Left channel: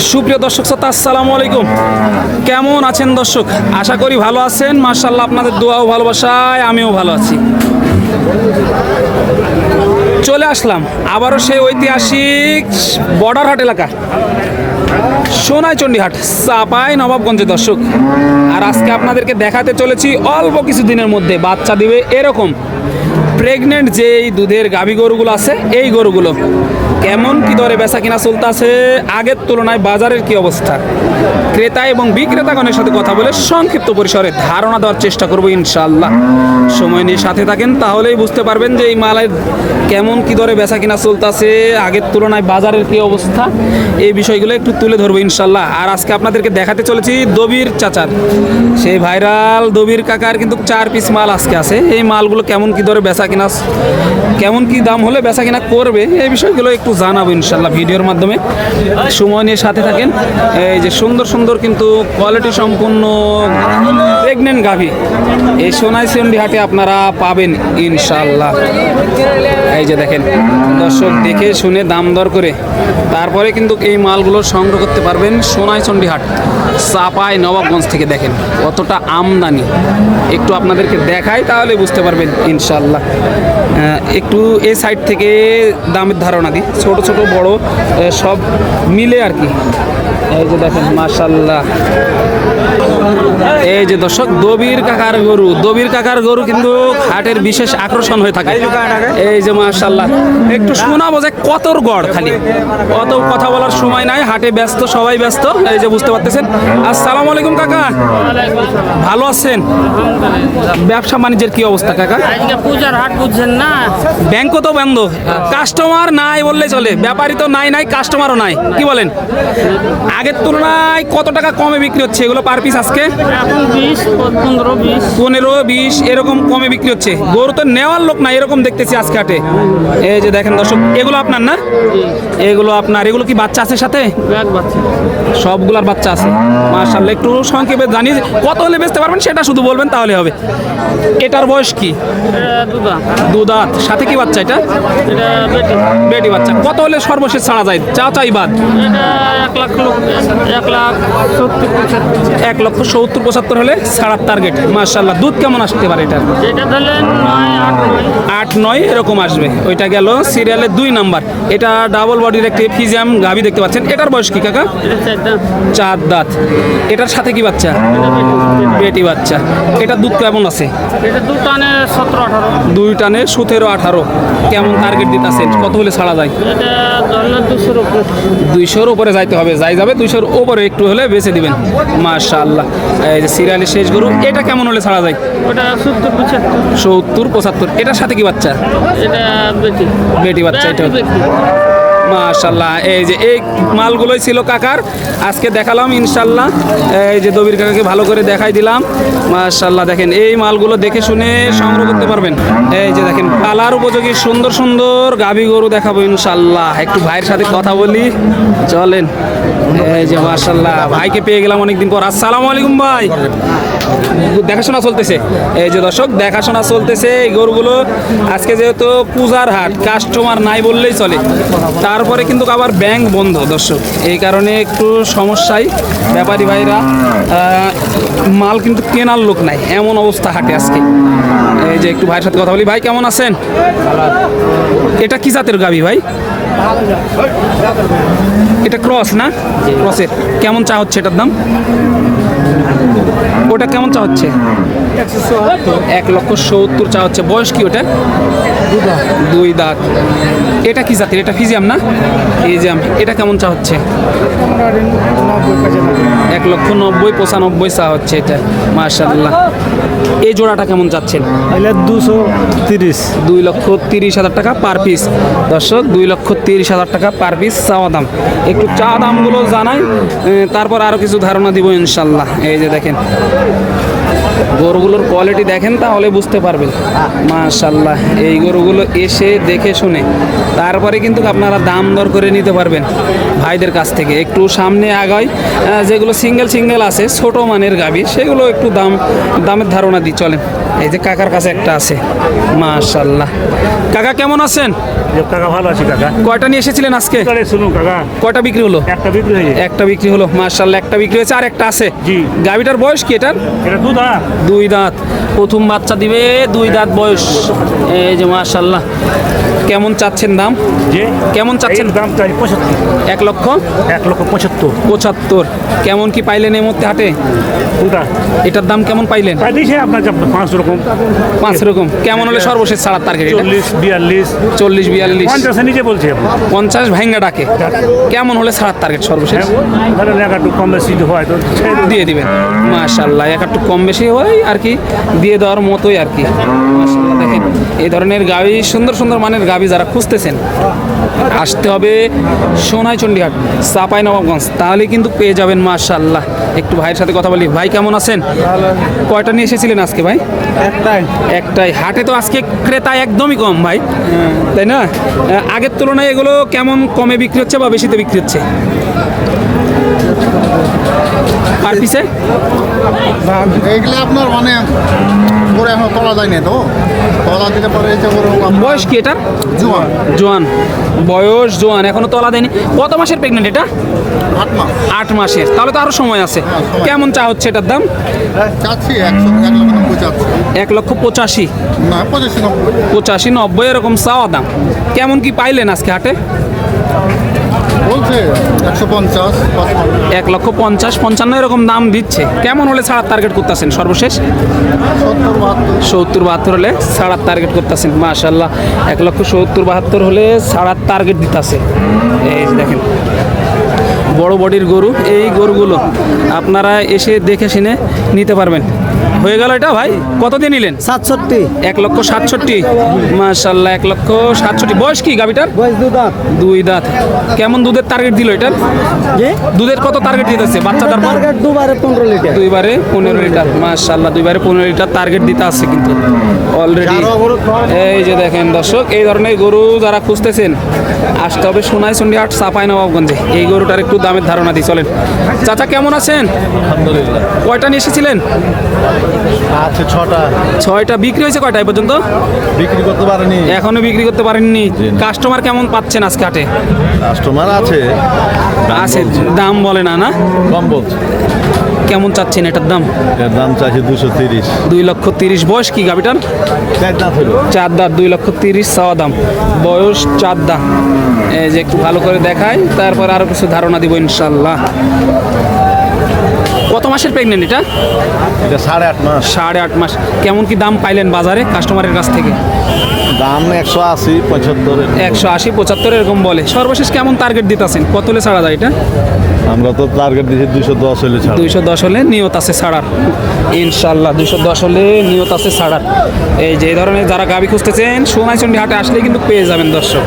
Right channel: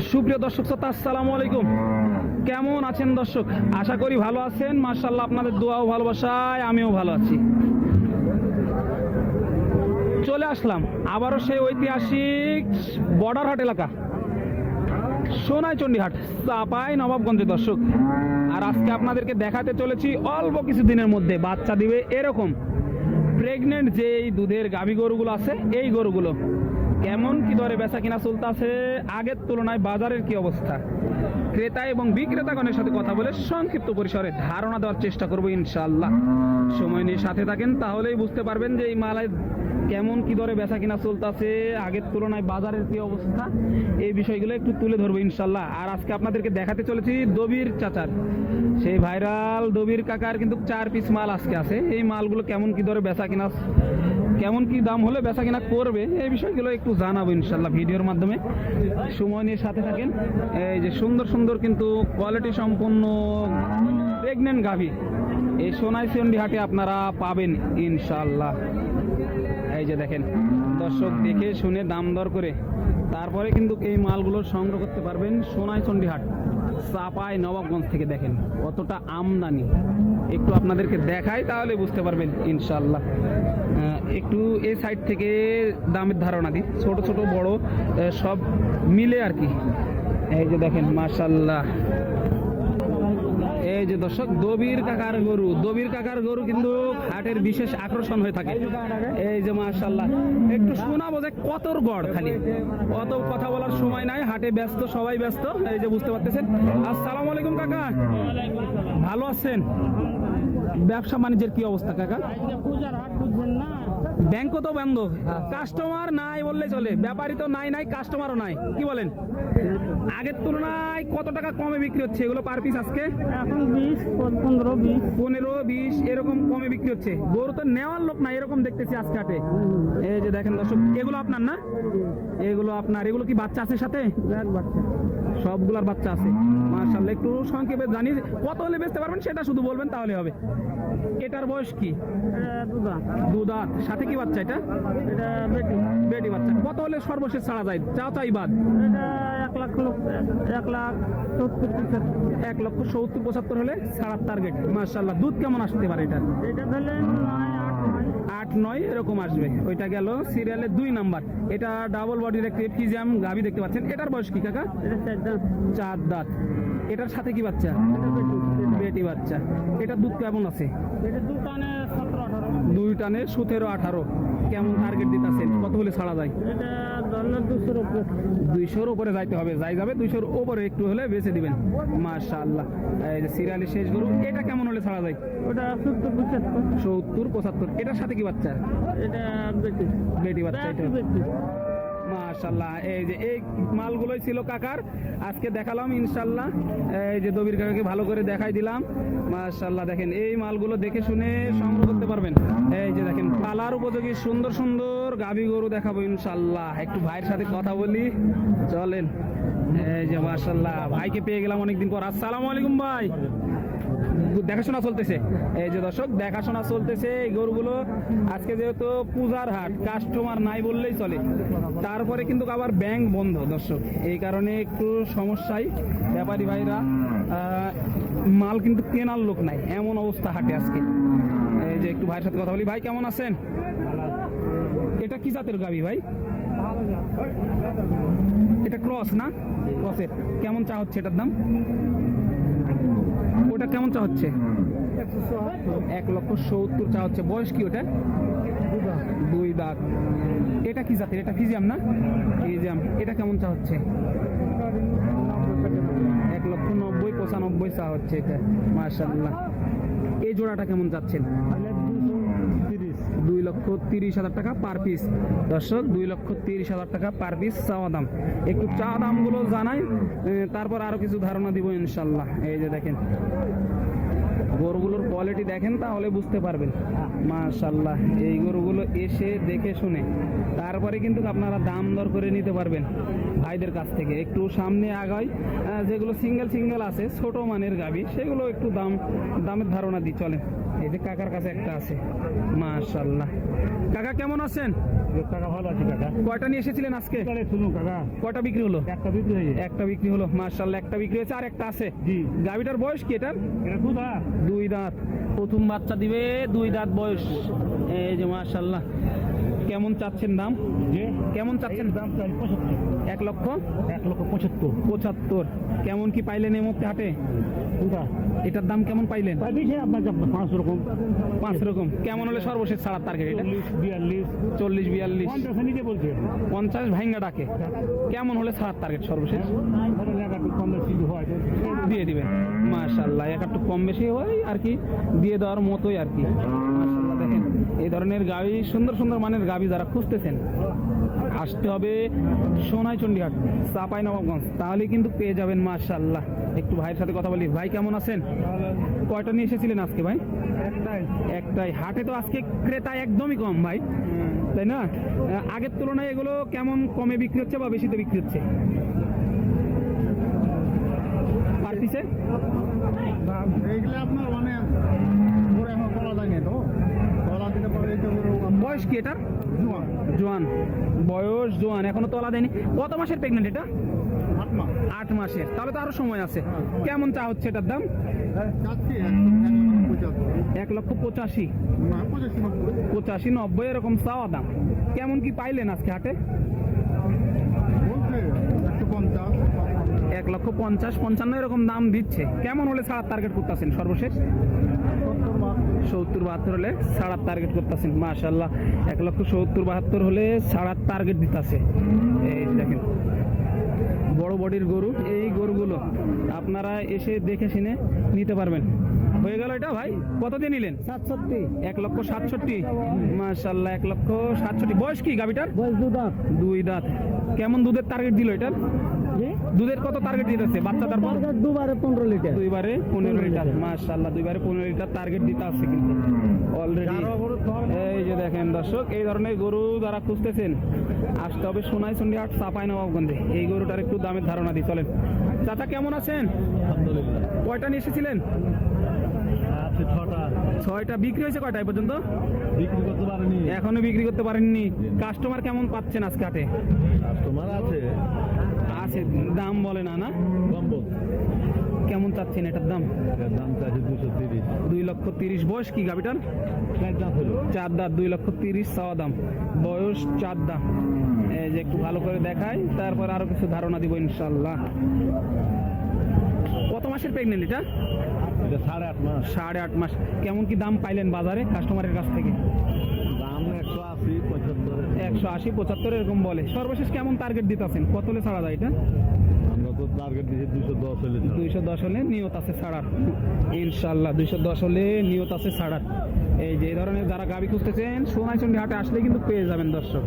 সুপ্রিয় দর্শক শ্রোতা, আসসালামু আলাইকুম। কেমন আছেন দর্শক? আশা করি ভালো আছেন। মার্শাল্লাহ আপনাদের দোয়াও ভালোবাসায়, আমিও ভালো আছি। চলে আসলাম আবারও সেই ঐতিহাসিক বর্ডার হাট এলাকা সোনাইচণ্ডী হাট চাপাই নবাবগঞ্জে দর্শক। আর আজকে আপনাদেরকে দেখাতে চলেছি অল্প কিছু দিনের মধ্যে বাচ্চা দিবে এরকম। প্রেগনেন্ট যে এই দুধের গাভী গরুগুলো আছে, এই গরুগুলো। কেমন কি দরে বেচা কিনা চলতেছে? আগের তুলনায় বাজারের কি অবস্থা? ক্রেতা এবং বিক্রেতাগণের সাথে কথা বলে সংক্ষিপ্ত পরিসরে ধারণা দেওয়ার চেষ্টা করব ইনশাল্লাহ সময় নিয়ে সাথে থাকেন, তাহলেই বুঝতে পারবেন যে এই মালের কেমন কি দরে বেচা কিনা চলতেছে, আগের তুলনায় বাজারের কি অবস্থা, এই বিষয়গুলো একটু তুলে ধরবো ইনশাল্লাহ আর আজকে আপনাদেরকে দেখাতে চলেছি দবির চাচার। সেই ভাইরাল দবির কাকার কিন্তু চার পিস মাল আজকে আছে। এই মালগুলো কেমন কি দরে বেচা কিনা, কেমন কি দাম হলে বেচা কিনা করবে, এই বিষয়গুলো একটু জানাব ইনশাল্লাহ ভিডিওর মাধ্যমে। সময় নিয়ে সাথে থাকেন। এই যে সুন্দর সুন্দর কিন্তু কোয়ালিটি সম্পূর্ণ প্রেগনেন্ট গাভী। এই সোনাই সিন্ডি হাটে আপনারা পাবেন ইনশাল্লাহ এই যে দেখেন, দর্শক দেখে শুনে দাম দর করে তারপরে কিন্তু এই মালগুলো সংগ্রহ করতে পারবেন সোনাইচন্ডী হাট চাপাই, নবাবগঞ্জ থেকে দেখেন কতটা আমদানি। একটু আপনাদেরকে দেখাই তাহলে বুঝতে পারবেন ইনশাল্লাহ একটু এই সাইড থেকে দামের ধারণা দিই। ছোট ছোট, বড় সব মিলে আর কি। এই যে দেখেন মাশাল্লাহ এই যে দর্শক দবির কাকার গরু দবির কাকার গরু কিন্তু হাটের বিশেষ আকর্ষণ হয়ে থাকে। এই যে মাশাল্লাহ একটু শোনাবো যে কতর গড় খালি। অত কথা বলার সময় নাই হাটে ব্যস্ত সবাই ব্যস্ত এই যে বুঝতে পারতেছেন। আসসালামু আলাইকুম কাকা। ভালো আছেন? ব্যবসা বাণিজ্যের কি অবস্থা কাকা? পূজার হাট বুঝছেন না? ব্যাংকও তো বন্ধ। কাস্টমার নাই বললে চলে। ব্যাপারী তো নাই নাই কাস্টমারও নাই। কি বলেন? আগের তুলনায় কত টাকা কমে বিক্রি হচ্ছে? এগুলো পার পিস আজকে? এখন বিশ পনেরো বিশ। পনেরো বিশ এরকম কমে বিক্রি হচ্ছে। গরু তো নেওয়ার লোক না এরকম দেখতেছি আজকে হাটে এই যে দেখেন দর্শক এগুলো আপনার না? এগুলো আপনার এগুলো কি বাচ্চা আছে সাথে? সবগুলার বাচ্চা আছে। মার্শাল্লাহ একটু সংক্ষেপে জানি কত হলে বেচতে পারবেন সেটা শুধু বলবেন তাহলে হবে। এটার বয়স কি? দুদাত সাথে কি বাচ্চা এটা? বেটি। বেটি বাচ্চা। কত হলে সর্বশেষ ছাড়া যায়? চা চাই বাদ। এক লাখ এক লাখ সত্তর এক লক্ষ সত্তর পঁচাত্তর হলে ছাড়ার টার্গেট মার্শাল্লাহ দুধ কেমন আসতে পারে এটা আট নয়। এরকম আসবে। ওইটা গেল সিরিয়ালের দুই নাম্বার এটা ডাবল বডির একটি ফিজিয়াম গাভি দেখতে পাচ্ছেন। এটার বয়স কি কাকা? চার দাঁত। এটার সাথে কি বাচ্চা? বেটি বাচ্চা। এটা দুধ কেমন আছে? দুই টানে সতেরো আঠারো। কেমন টার্গেট দিতেছেন? কত হলে ছাড়া যায়? দুইশোর উপরে যাইতে হবে। যাই যাবে দুইশোর উপরে একটু হলে বেছে দিবেন। মাশাআল্লাহ। এই যে সিরিয়ালের শেষ গরু এটা কেমন হলে ছাড়া যায়? ওটা সত্তর পঁচাত্তর। সত্তর পঁচাত্তর এটার সাথে কি বাচ্চা? এটা বেটি। বেটি বাচ্চা এটা মাশাল্লাহ এই যে এই মালগুলোই ছিল কাকার। আজকে দেখালাম ইনশাল্লাহ। এই যে দবির কাকাকে ভালো করে দেখাই দিলাম। মাশাল্লাহ দেখেন এই মালগুলো দেখে শুনে সংগ্রহ করতে পারবেন। এই যে দেখেন পালার উপযোগী সুন্দর সুন্দর গাভী গরু দেখাবো ইনশাল্লাহ। একটু ভাইয়ের সাথে কথা বলি চলেন। যে মাশাল্লাহ ভাইকে পেয়ে গেলাম অনেকদিন পর। আসসালামু আলাইকুম ভাই। দেখাশোনা চলতেছে। এই যে দর্শক, দেখাশোনা চলতেছে এই গরুগুলো। আজকে যেহেতু পূজার হাট কাস্টমার নাই বললেই চলে। তারপরে কিন্তু আবার ব্যাংক বন্ধ দর্শক। এই কারণে একটু সমস্যায় ব্যাপারী ভাইরা। মাল কিন্তু কেনার লোক নাই। এমন অবস্থা হাটে আজকে। এই যে একটু ভাইয়ের সাথে কথা বলি। ভাই, কেমন আছেন? এটা কি জাতের গাবি ভাই? এটা ক্রস না? ক্রসের। কেমন চা হচ্ছে এটার দাম? ওটা কেমন চা হচ্ছে? এক লক্ষ সত্তর চা হচ্ছে। বয়স কি ওটা দুই দাঁত। এটা কি জাতের? এটা ফিজিয়াম না? ফিজিয়াম। এটা কেমন চা হচ্ছে? এক লক্ষ নব্বই পঁচানব্বই চা হচ্ছে এটা। মার্শাল্লাহ এই জোড়াটা কেমন চাচ্ছেন? তাহলে দুশো তিরিশ। দুই লক্ষ তিরিশ হাজার টাকা পার পিস। দর্শক দুই লক্ষ তিরিশ হাজার টাকা পার পিস চাওয়া দাম। একটু চা দামগুলো জানাই তারপর আরও কিছু ধারণা দিব ইনশাল্লাহ। এই যে দেখেন গরুগুলোর কোয়ালিটি দেখেন তাহলে বুঝতে পারবেন। মাশাল্লাহ এই গরুগুলো এসে দেখে শুনে তারপরে কিন্তু আপনারা দাম দর করে নিতে পারবেন। ভাইদের কাছ থেকে একটু সামনে আহ, যেগুলো সিঙ্গেল সিঙ্গেল আছে ছোট মানের গাবি সেগুলো একটু দাম দামের ধারণা দিই চলেন। এই যে কাকার কাছে একটা আছে। মাশাল্লাহ কাকা কেমন আছেন? কাকা ভালো আছি কাকা। কয়টা নিয়ে এসেছিলেন আজকে? শুনুন কাকা। কয়টা বিক্রি হলো? একটা বিক্রি হয়ে যায় একটা বিক্রি হলো মার্শাল্লাহ একটা বিক্রি হয়েছে আর একটা আছে। জি। গাবিটার বয়স কি এটার? এটা দুধ হ্যাঁ দুই দাঁত। প্রথম বাচ্চা দিবে দুই দাঁত বয়স। এই যে মার্শাল্লাহ কেমন চাচ্ছেন দাম? যে? কেমন চাচ্ছেন? দাম চাই পঁচাত্তর। এক লক্ষ? এক লক্ষ পঁচাত্তর। পঁচাত্তর। কেমন কি পাইলেন এই মধ্যে হাটে? কোনটা? এটার দাম কেমন পাইলেন? আপনার পাঁচ রকম। পাঁচ রকম। কেমন হলে সর্বশেষ ছাড়ার টার্গেট এটা? চল্লিশ বিয়াল্লিশ। চল্লিশ বিয়াল্লিশ। পঞ্চাশের নিচে বলছি পঞ্চাশ ভাঙ্গা ডাকে। কেমন হলে ছাড়ার টার্গেট সর্বশেষ? ধরেন এক একটু কম বেশি হয় তো। দিয়ে দিবেন। মাশাল্লাহ এক একটু কম বেশি হয় আর কি দিয়ে দেওয়ার মতোই আর কি। মাশাল্লাহ দেখেন। এই ধরনের গাবি সুন্দর সুন্দর মানের গাবি যারা খুঁজতেছেন আসতে হবে সোনাই চণ্ডীহাট চাপাই নবাবগঞ্জ। তাহলে কিন্তু পেয়ে যাবেন মাশাল্লাহ একটু ভাইয়ের সাথে কথা বলি। ভাই কেমন আছেন? কয়টা নিয়ে এসেছিলেন আজকে ভাই? একটাই। একটাই। হাটে তো আজকে ক্রেতা একদমই কম ভাই। তাই না? আগের তুলনায় এগুলো কেমন কমে বিক্রি হচ্ছে বা বেশিতে বিক্রি হচ্ছে? আর পিছে? এইগুলো আপনার মানে করে এখন তোলা যায় না তো? তোলা দিতে পারে বয়স কি এটা জোয়ান। জোয়ান। বয়স জোয়ান এখনও তলা দেয়নি। কত মাসের প্রেগনেন্ট এটা? আট মাস। আট মাসের। তাহলে তো আরও সময় আছে। কেমন চা হচ্ছে এটার দাম? এক লক্ষ পঁচাশি। পঁচাশি নব্বই এরকম চাওয়া দাম। কেমন কি পাইলেন আজকে হাটে? বলছে একশো পঞ্চাশ, এক লক্ষ পঞ্চাশ, পঞ্চান্ন এরকম দাম দিচ্ছে। কেমন হলে ছাড়ার টার্গেট করতেছেন সর্বশেষ? সত্তর বাহাত্তর হলে ছাড়ার টার্গেট করতেছেন মাশাল্লাহ এক লক্ষ সত্তর বাহাত্তর হলে ছাড়ার টার্গেট দিতেছে। এই দেখেন, বড় বডির গরু, এই গরুগুলো আপনারা এসে দেখে শুনে নিতে পারবেন। হয়ে গেল এটা ভাই? কত দিয়ে নিলেন? সাতষট্টি। এক লক্ষ সাতষট্টি। মাশাল্লাহ এক লক্ষ সাতষট্টি। বয়স কি গাবিটার বয়স দু দাঁত। দুই দাঁত। কেমন দুধের টার্গেট দিল এটার? দুধের কত টার্গেট দিতেছে? বাচ্চা তারপর? টার্গেট দুবারে পনেরো লিটার। দুইবারে পনেরো লিটার। মাশাল্লাহ দুইবারে পনেরো লিটার টার্গেট দিতে আছে কিন্তু। অলরেডি এই যে দেখেন দর্শক এই ধরনের গরু যারা খুঁজতেছেন আসতে হবে সোনাই চন্ডী হাট চাপাই নবাবগঞ্জে। এই গরুটার একটু দামের ধারণা দিই চলেন। চাচা কেমন আছেন? কয়টা নিয়ে এসেছিলেন? আছে ছটা। ছয়টা। বিক্রি হয়েছে কয়টা এই পর্যন্ত? বিক্রি করতে পারেনি। এখনও বিক্রি করতে পারেননি। কাস্টমার কেমন পাচ্ছেন আজকে হাটে? কাস্টমার আছে। আছে দাম বলে না না? কম বলছে। কেমন চাচ্ছেন এটার দাম? এর দাম চাইছে দুশো তিরিশ। দুই লক্ষ তিরিশ। বয়স কি গাবিটার? চার দাঁত হলো। চার দাঁত দুই লক্ষ তিরিশ চাওয়া দাম। বয়স চার দাঁত। এই যে একটু ভালো করে দেখাই তারপর আরও কিছু ধারণা দিব ইনশাল্লাহ। কত মাসের প্রেগনেন্ট এটা? এটা সাড়ে আট মাস। সাড়ে আট মাস। কেমন কি দাম পাইলেন বাজারে কাস্টমারের কাছ থেকে? দাম একশো আশি পঁচাত্তর একশো আশি পঁচাত্তর এরকম বলে। সর্বশেষ কেমন টার্গেট দিতেছেন? কত হলে ছাড়া যায় এটা? আমরা তো টার্গেট দিয়েছি দুশো দশ হলে ছাড়। দুইশো দশ হলে নিয়ত আছে ছাড়ার। ইনশাল্লাহ দুইশো দশ হলে নিয়ত আছে ছাড়ার। এই যে ধরনের যারা গাবি খুঁজতেছেন সোনাইচন্ডী হাটে আসলে কিন্তু পেয়ে যাবেন দর্শক।